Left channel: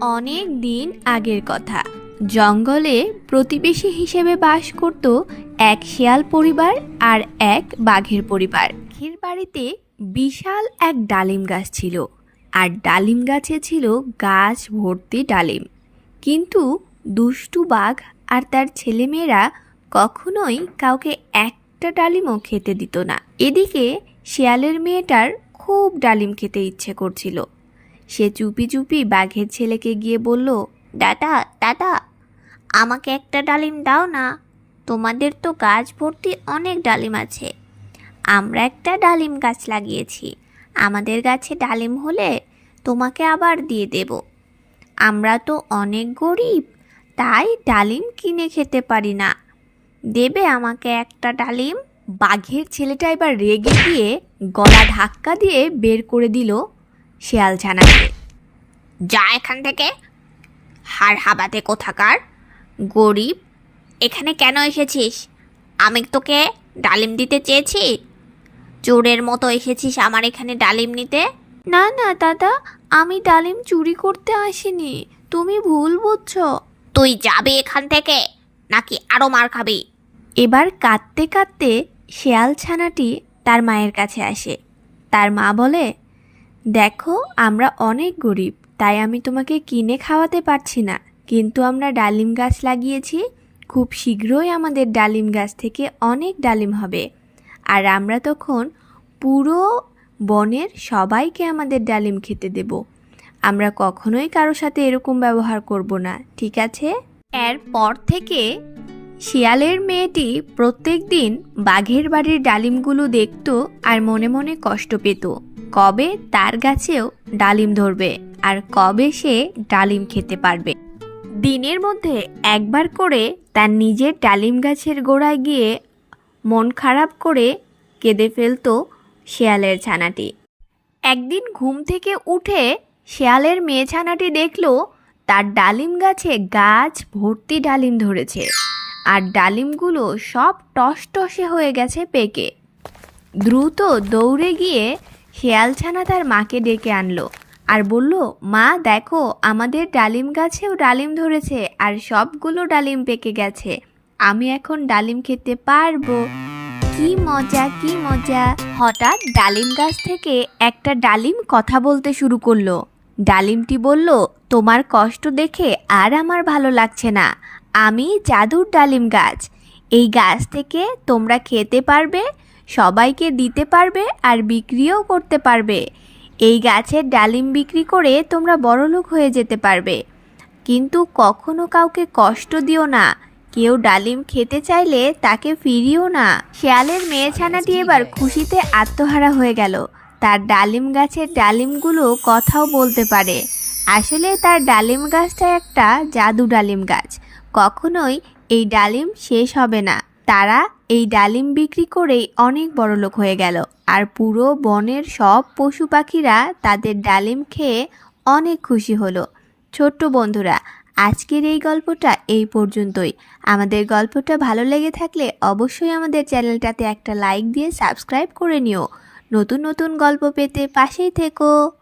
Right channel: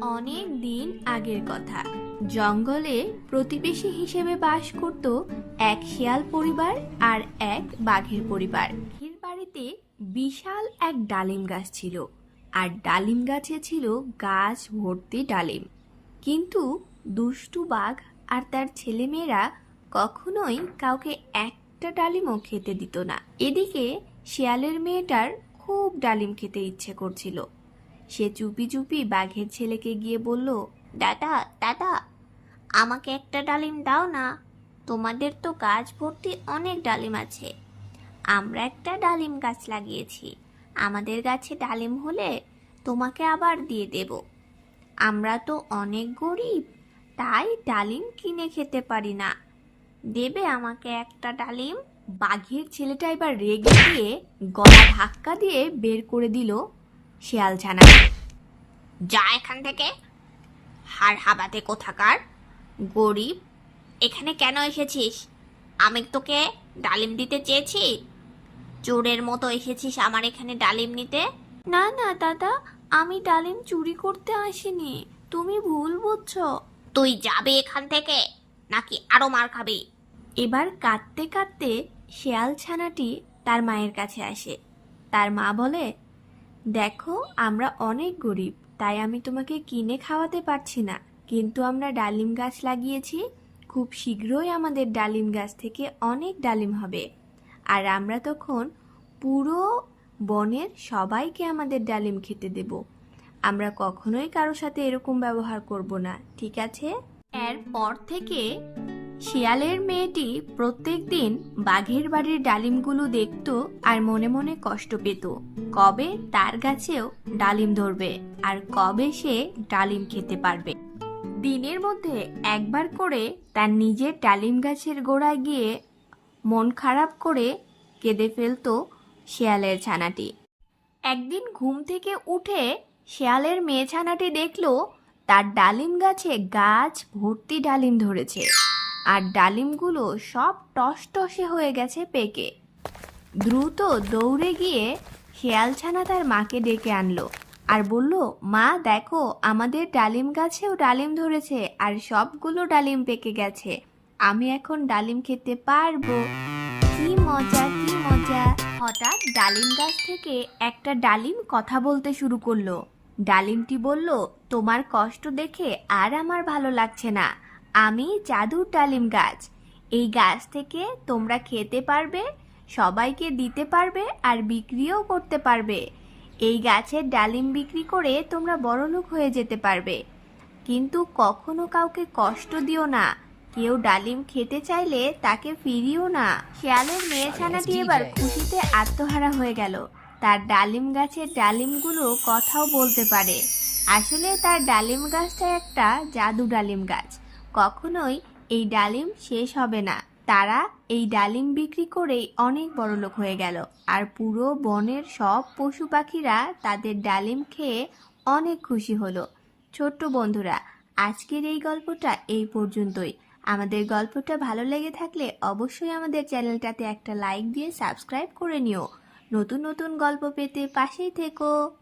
অনেক দিন আগের কথা। জঙ্গলে প্রতিবেশী হিসেবে বাস করত এক শিয়াল পরিবার আর এক বাঘের পরিবার। বাঘের বাড়িতে বিশাল এক ডালিম গাছ ছিল আর ডালিম গাছে ছিল গাছ ভর্তি ডালিম। কিন্তু দুষ্টু বাঘ আর তার ছেলেমেয়েরা কখনোই কাউকে একটা ডালিমও খেতে দিত না। এদিকে শিয়ালের মেয়েটার খুব ডালিম খেতে ইচ্ছে করছিল। সে চুপি চুপি বাঘের ছেলেকে গিয়ে বলল, দাদা দাদা, আমাকে একটা ডালিম দাও না। তোমাদের তো গাছ ভর্তি অনেক ডালিম আছে। আমরা একটা ডালিম গাছ লাগিয়েছি। আমাদের গাছে ডালিম হলে তোমাকে আবার দিয়ে দেব। আমরা তো অনেক গরিব, তাই ডালিম কিনে খেতে পারি না। দেবে আমাকে একটা ডালিম? বাঘের ছেলেটা এবার রেগে গিয়ে গলা ধাক্কা দিয়ে বের করে দিল শেয়াল ছানাকে যা এখান থেকে। হাড় হাবাতে কোথাকার? গরিব। এখানে কেন এসেছিস? আমি তোকে ডালিম দিতে চেয়েছি। চোরের মতো এসেছিস আমার এখানে ডালিম নিতে? না না দাদা আমি ডালিম চুরি করতে আসিনি। তুমি ভুল বুঝছ। তুই যাবে এখান থেকে নাকি আরও মার খাবি? এবার কাঁদতে কাঁদতে শেয়াল ছানাটি তার মায়ের কাছে আসে। তার মা বলে দেখো, আমরা অনেক গরিব, তাই আমি তোমাকে কিনে খাওয়াতে পারছি না। কিন্তু আমরা ডালিম গাছ লাগিয়েছি, খুব শীঘ্রই আমাদের ডালিম গাছ থেকে অনেক ডালিম হবে। আর আমরা তখন পুরো বনের সবাইকে আমাদের ডালিম খেতে দেব। আমরা কখনোই কারোর সাথে এরকম ব্যবহার করব না, ঠিক আছে? এরপর থেকে শিয়ালের মেয়েটি প্রত্যেক দিন বাঘের বাড়ির ডালিমগুলো দেখত আর মনে মনে কষ্ট পেত। কবে তার গাছেও ডালিম ধরবে আর কবে সে ডালিম খেতে পারবে। দিনের মধ্যে একবার করে তার নিজের ডালিম গাছের গোড়ায় গিয়ে মন খারাপ করে কেঁদে ফেলতো শেয়ালের ছানাটি। একদিন ঘুম থেকে উঠে শেয়ালের মেয়ে ছানাটি দেখল তার ডালিম গাছে গাছ ভর্তি ডালিম ধরেছে। আর ডালিমগুলো সব টসটসে হয়ে গেছে পেকে। দ্রুত দৌড়ে গিয়ে শেয়ালছানা তার মাকে ডেকে আনলো আর বলল, মা, দেখো, আমাদের ডালিম গাছেও ডালিম ধরেছে আর সবগুলো ডালিম পেকে গেছে। আমি এখন ডালিম খেতে পারব। কি মজা কি মজা। হঠাৎ ডালিম গাছ থেকে একটা ডালিম কথা বলতে শুরু করল। ডালিমটি বলল, তোমার কষ্ট দেখে আর আমার ভালো লাগছে না। আমি জাদুর ডালিম গাছ। এই গাছ থেকে তোমরা খেতে পারবে সবাইকে দিতে পারবে আর বিক্রিও করতে পারবে। এই গাছের ডালিম বিক্রি করে তোমরা বড়লোক হয়ে যেতে পারবে। কিন্তু কখনো কাউকে কষ্ট দিও না। কেউ ডালিম খেতে চাইলে তাকে ফিরিও না। শেয়ালের মেয়ে ছানাটি এবার খুশিতে আত্মহারা হয়ে গেল। তার ডালিম গাছের ডালিমগুলো কথাও বলতে পারে। আসলে তার ডালিম গাছটা একটা জাদু ডালিম গাছ। কখনোই এই ডালিম শেষ হবে না। তারা এই ডালিম বিক্রি করেই অনেক বড়লোক হয়ে গেল। আর পুরো বনের সব পশু পাখিরা তাদের ডালিম খেয়ে অনেক খুশি হলো। ছোট্ট বন্ধুরা, আজকের এই গল্পটা এই পর্যন্তই। আমাদের গল্পটা ভালো লেগে থাকলে অবশ্যই আমাদের চ্যানেলটাতে একটা লাইক দিয়ে সাবস্ক্রাইব করে নিও। নতুন নতুন গল্প পেতে পাশেই থেকো।